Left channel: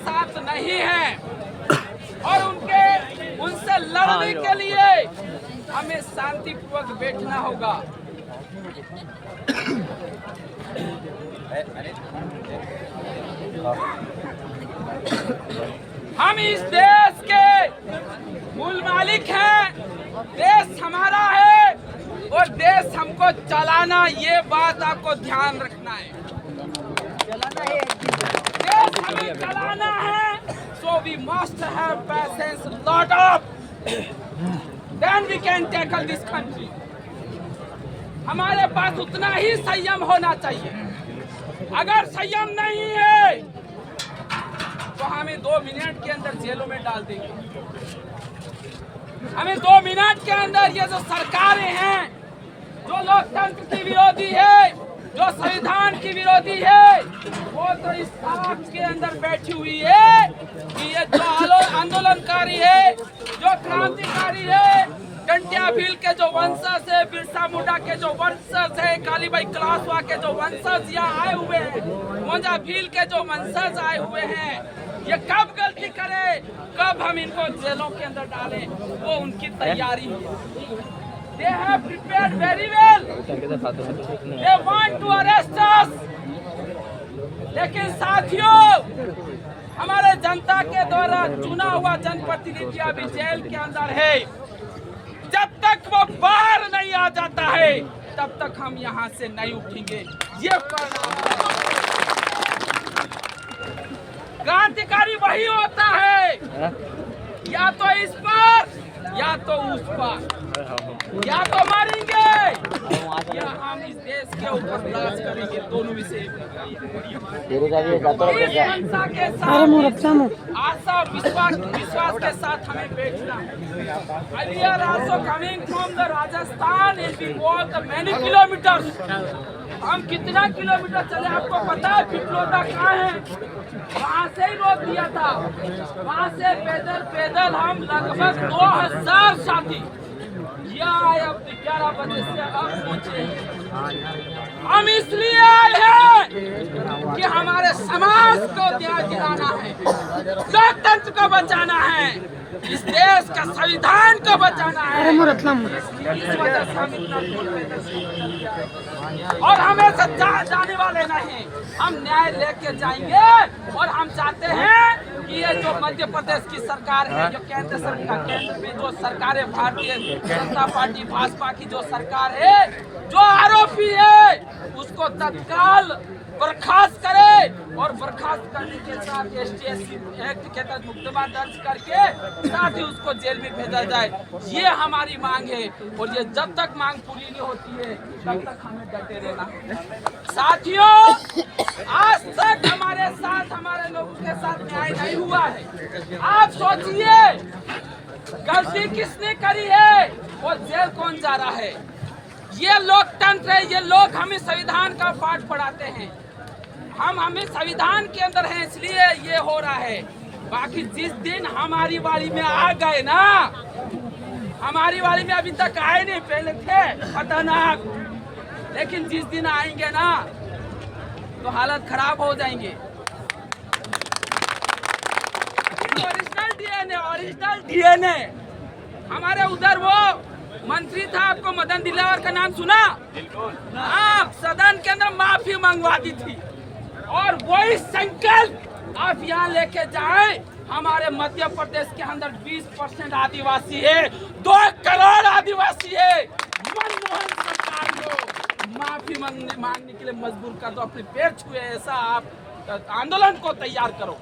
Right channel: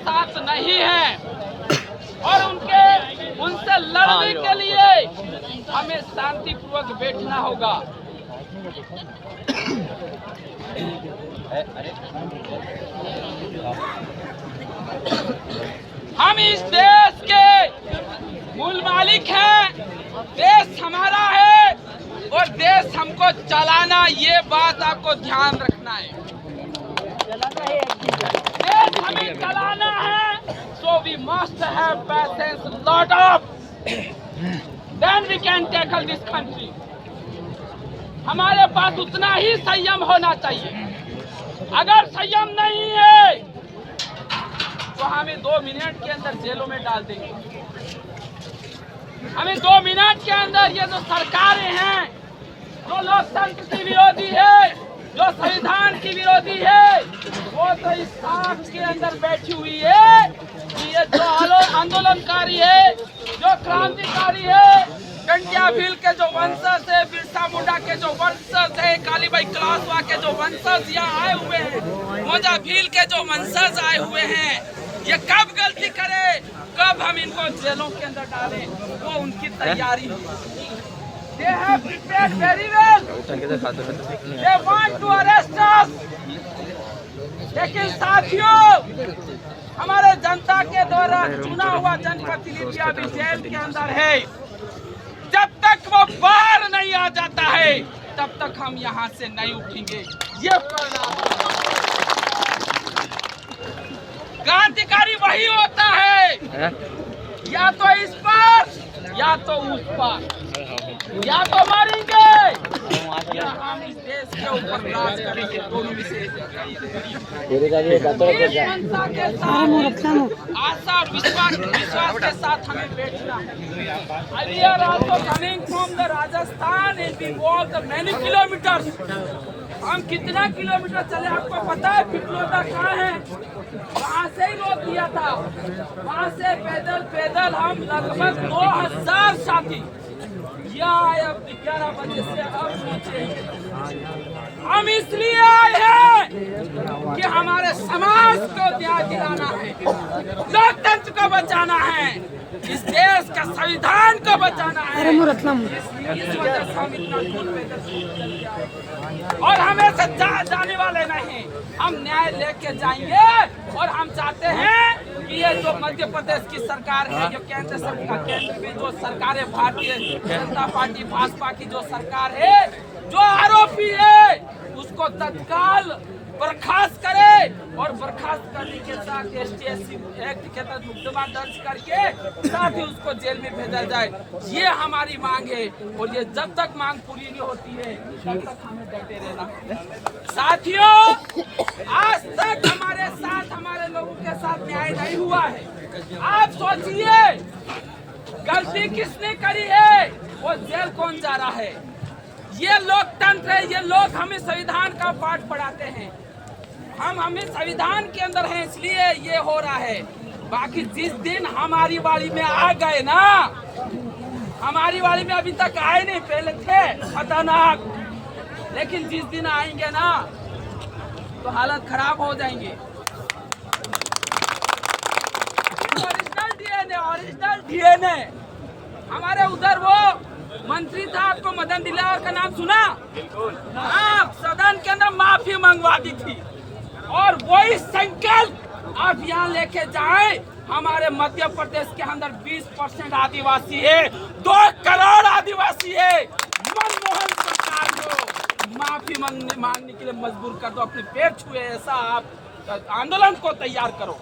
साथ नहीं है और उनसे लड़ने के लिए हमें शांतिपूर्वक बैठना होगा। हम इस देश के मूल मालिक हैं, देश हमारा है और देश हमको चलाना, ये बात आपको ध्यान रखना है। देश हमें चलाना है, so we must have patience, lot of, then we can tackle this country. हमारे पास उतना ही संयम होना चाहिए। अगर संयम नहीं है तो हमें 2 मिनट के अंदर जेलों में डाल देंगे। हमें 2 मिनट के अंदर ये जो सरकारें हैं, जो लोकतंत्र की विरोधी है, जो संविधान की विरोधी है, वो तो इस ताक के अंदर बैठी हुई है कि ये जो आंदोलनकारी है, जो क्रांतिकारी है, टंटिया भील के जो वंशज है, बिरसा मुंडा के जो वंशज है, कालीबाई कलासवा के जो वंशज यहाँ आए हुए हैं, मोजा भील के जो वंशज आए हुए हैं, ये कब गलती करे, कब हम इनको जेलों के अंदर डालें, वो उनकी तैयारी है। They have prepared very well. They want to arrest us. लेकिन साथियों, हमारे जनता के द्वारा चुना हुआ जनप्रतिनिधि अभी जेल के अंदर है। जब तक वो बाहर नहीं आ जाता है, तब तक हम यहाँ से नहीं उठेंगे। ये क्रांतिकारी वही होता है, या तो इस पर या तो उस पर, या तो मारेंगे या हम इस देश के ऊपर राज करेंगे। दोनों में से मनसा के साथ, आशा और विश्वास के साथ हमें बैठना है। We are also coming from the Rajasthan and we walk many kilometers. हम कितना किलोमीटर चले आपको पता है? पिपलोदा कहाँ है? वहाँ से ही रोक दिया था। वहाँ से पैदल हम लगभग 2000 साथी आए। अब 11 बजे से अब पहुँचे। हम इसलिए आए हैं कि हमारे समाज को न्याय दिलाना है, लोकतंत्र को बचाना है, इस देश का संविधान को बचाना है। इस वजह से हम इतना दूर पैदल चल के आए और हमें सच्चा जाने वाले नहीं। हम न्याय लेके जाएंगे और हम चाहते हैं कि ये जो मध्य प्रदेश की सरकार है, जो केंद्र सरकार, केंद्र में जो सरकार है, भारतीय जनता पार्टी भाजपा की जो सरकार है, जो आरोपी है उसको तत्काल बर्खास्त करे और बर्खास्त करने के साथ ST/SC एक्ट के तहत मुकदमा दर्ज करके साथ ही उसको जेल में भेजा जाए। ये हमारी मांग है और ये जब तक मांग पूरी नहीं होती है तब तक हमें डटे रहना। साथियों, आज तक हमारे साथ, हमारे लोगों के साथ न्याय नहीं हुआ है। आप सोचिए गलती किसने करी है और जेल कौन जा रहा है? ये लोकतंत्र है। ये लोग हमें संविधान का पाठ पढ़ाते हैं। हमें संविधान के अंदर हैं, इसलिए ये हो रहा है। बाकी जिस दिन हमारी वाली में आ गए ना, हमारी वाली में अभी तक आए नहीं, पहले थे खतरनाक, लेकिन जिस दिन आएंगे ना तो हालत खराब हो जाएंगे। ओरिजिनल डीएनए हमारे उधर वो मंत्री था, आपको मदन दिलावर का नाम सुना? हाँ, सदन के अंदर माफी मंगवा दी थी और वही संकल्प आप यहाँ लेके जाए। हमारे मध्य प्रदेश के अंदर 20% आदिवासी है, 2 करोड़ आदिवासी है। मनमोहन सरकार को माफी मांगने के लिए मजबूर कर दो, अपने पैर छुए, ऐसा आप आंदोलन को तैयार करो।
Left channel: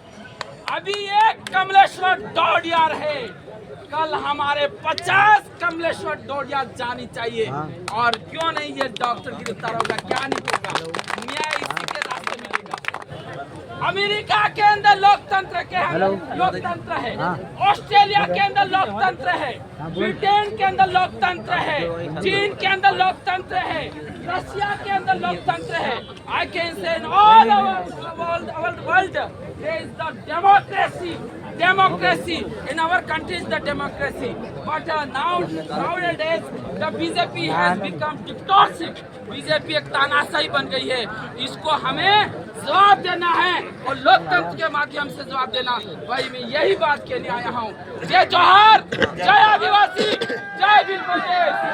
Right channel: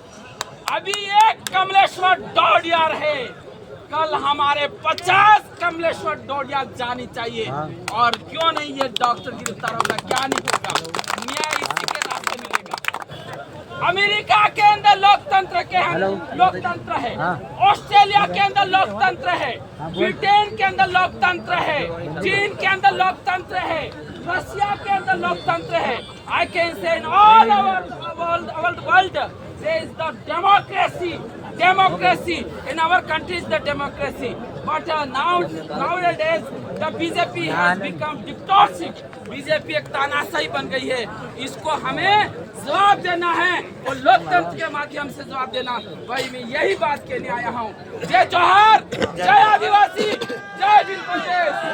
अभी एक कमलेश्वर डोडियार है, कल हमारे 50 कमलेश्वर डोडिया जानी चाहिए। और क्यों नहीं ये डॉक्टर गिरफ्तार होगा, क्या नहीं होगा, न्याय इसी के रास्ते मिलेगा। अमेरिका के अंदर लोकतंत्र लोकतंत्र है, ऑस्ट्रेलिया के अंदर लोकतंत्र है, ब्रिटेन के अंदर लोकतंत्र है, चीन के अंदर लोकतंत्र है, रशिया के अंदर लोकतंत्र है। I can say in all over world there is the democracy in our country is the democracy, but nowadays the BJP has become dictatorship। BJP एक तानाशाही बन गई है। इसको हमें जवाब देना है और लोकतंत्र के माध्यम से जवाब देना। भाई मैं यही बात कहने आया हूँ। जय जोहार, जय आदिवासी, जय भील प्रदेश।